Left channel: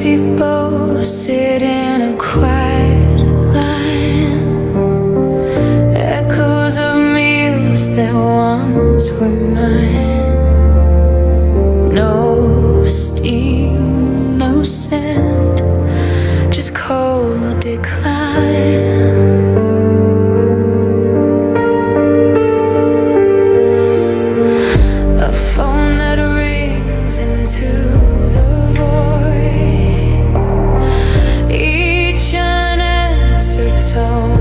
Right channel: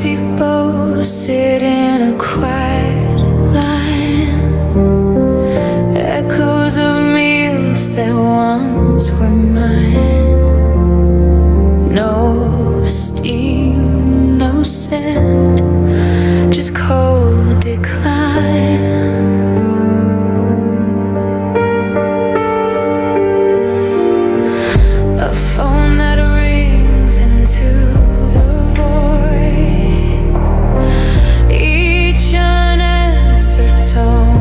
empty bowl sit in a quiet line, echoes of meals that once were mine. No steam, no scent, just cold decline. A phone that rings into the void, each unanswered tone